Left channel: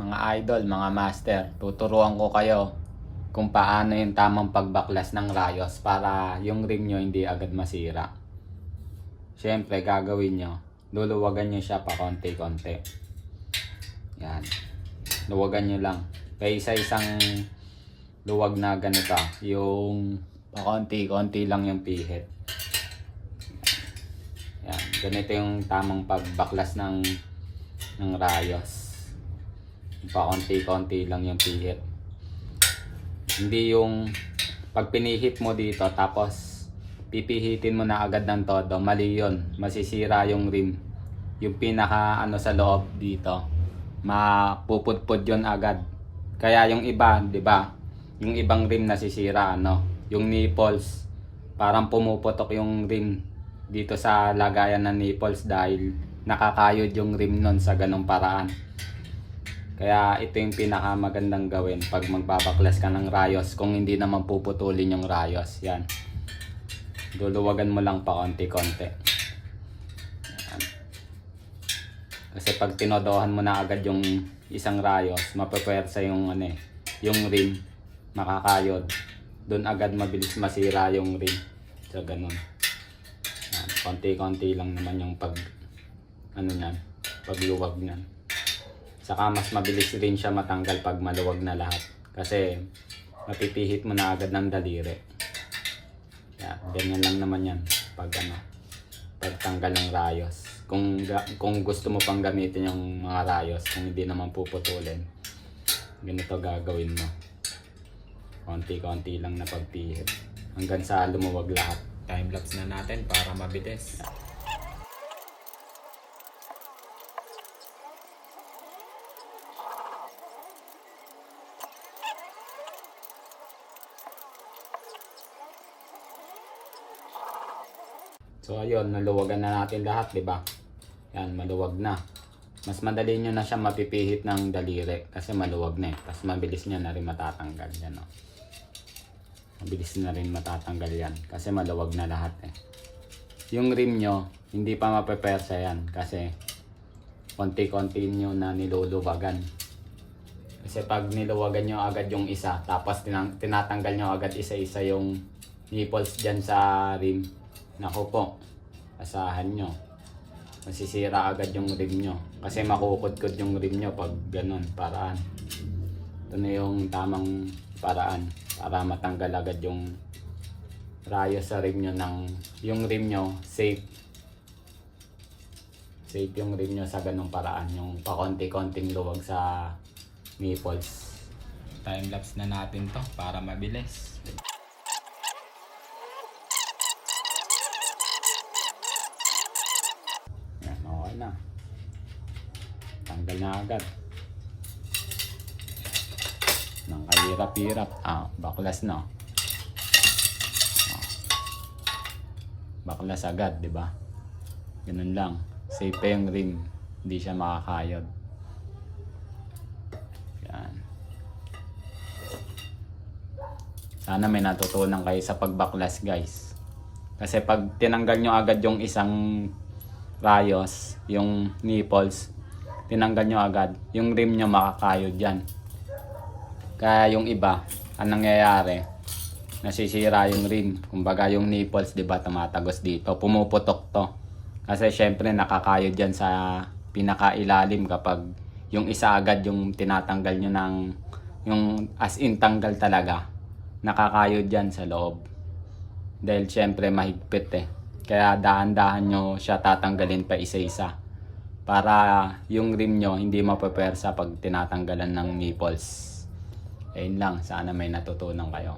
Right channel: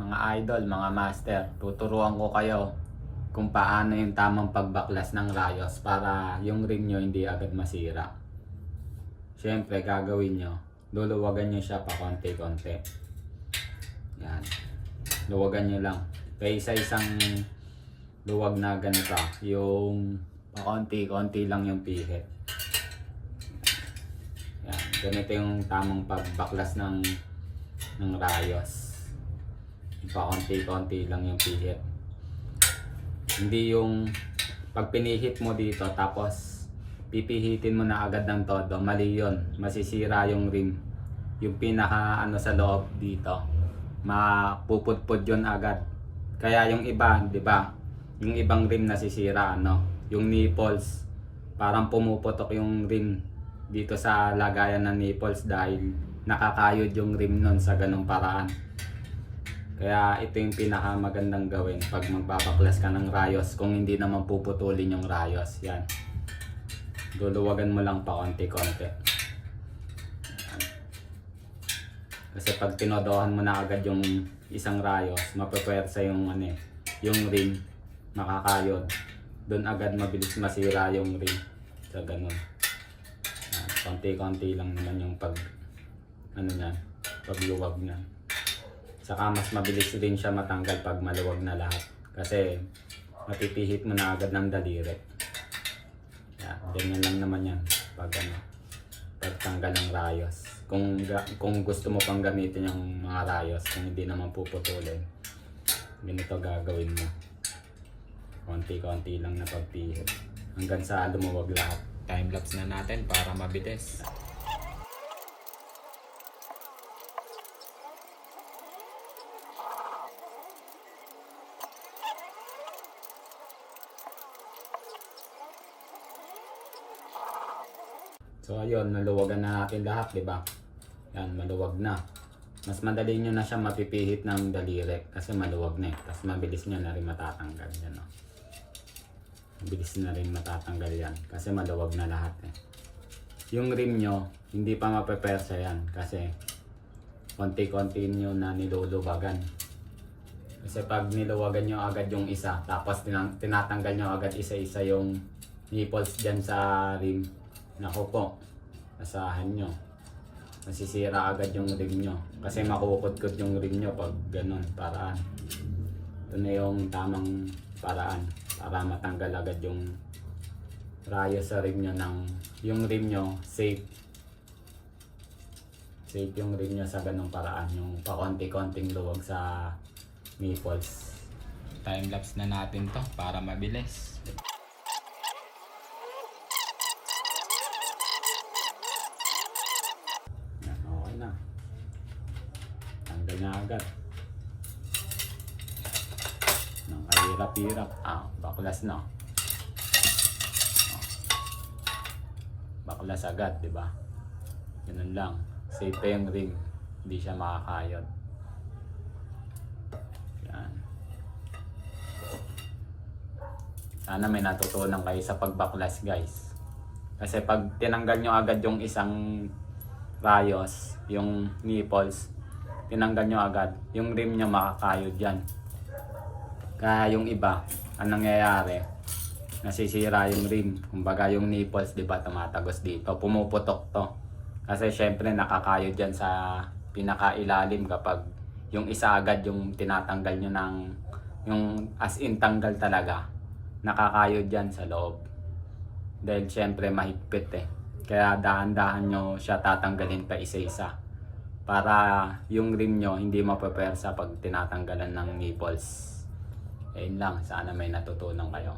mga idol, mga master, tuturuan ko kayo kung paano yung tamang pagbaklas ng rayos para yung rim nyo hindi agad masira. Siyempre, gagawin nyo, luluwagan nyo siya pa konti-konti. Yan. Luwagan nyo lang. Kaya isa-isang luwag na ganito, yung pa konti-konti lang yung pihit. Yan. Ganito yung tamang pagbaklas ng ng rayos. Pa konti-konti lang yung pihit. Hindi yung pag pinihit mo dito tapos pipihitin mo na agad ng todo, mali yun. Masisira yung rim. Yung pinaka ano sa loob dito. Mapupudpud yun agad. Kaya yung iba, di ba? Yung ibang rim nasisira, ano? Yung nipples, parang pumuputok yung rim dito sa lagayan ng nipples dahil nakakayod yung rim nun sa ganong paraan. Kaya ito yung pinakamagandang gawin pag magbabaklas ka ng rayos kung hindi naman puputulin yung rayos. Yan. Luluwagan mo lang pa konti-konti. Kasi pag tinodohan mo na agad yung isang rayos, mapapwersa yung ano eh, yung rim, makakayod. Doon agad mabilis masira yung rim. So ganun. Konti-konti lang naman yung pag ano niyan, pagluwag niyan. Saka mas mabilis rin siya matanggal pag maluwag na lahat. Kasi mapipihit mo na agad ng daliri. Yan, ganyan lang naman yan pag ano, pagtanggal ng rayos. Kung kung gusto mo pang gamitin yung mga rayos, kung hindi naman puputulin, ganito gagawin mo. Konti-konti lang na pagpihit. Hanggang sa lumuwag lahat. Time-lapse na natin para mabilis. So ayun, naluwagan na natin lahat, di ba? Yan, maluwag na. Mas madali nyo na siya mapipihit ng daliri kasi maluwag na eh. Tapos mabilis nyo na rin matatanggal. Yan, oh. Mabilis na rin matatanggal yan kasi maluwag na lahat eh. Yung rim nyo, hindi pa mapepersa yan kasi konti-konti nyo na niluluwagan. Kasi pag niluwagan nyo agad yung isa, tapos tinatanggal nyo agad isa-isa yung nipples dyan sa rim, Naku po, asahan nyo. Masisira agad yung rim nyo. Kasi makukudkod yung rim nyo pag ganun, paraan. Ito na yung tamang paraan para matanggal agad yung rayos sa rim nyo ng yung rim nyo safe. Safe yung rim nyo sa ganung paraan. Yung pakonti-konting luwag sa nipples. Time-lapse na natin to para mabilis. Yan, okay na. Tanggal na agad. Nang kahirap-hirap. Ah, baklas na. Baklas agad, di ba? Ganun lang. Safe pa yung rim. Hindi siya makakayod. Yan. Sana may natutunan kayo sa pagbaklas, guys. Kasi pag tinanggal nyo agad yung isang rayos, yung nipples, tinanggal nyo agad, yung rim nyo makakayod yan. Kaya yung iba, anong nangyayari? Nasisira yung rim. Kumbaga yung nipples, di ba, tumatagos dito. Pumuputok to. Kasi syempre nakakayod yan sa pinakailalim kapag yung isa agad yung tinatanggal nyo ng yung as in tanggal talaga. Nakakayod yan sa loob. Dahil syempre mahigpit eh. Kaya dahan-dahan nyo siya tatanggalin pa isa-isa. Para yung rim nyo hindi mapapersa pag tinatanggalan ng nipples. Ayun lang, sana may natutunan kayo.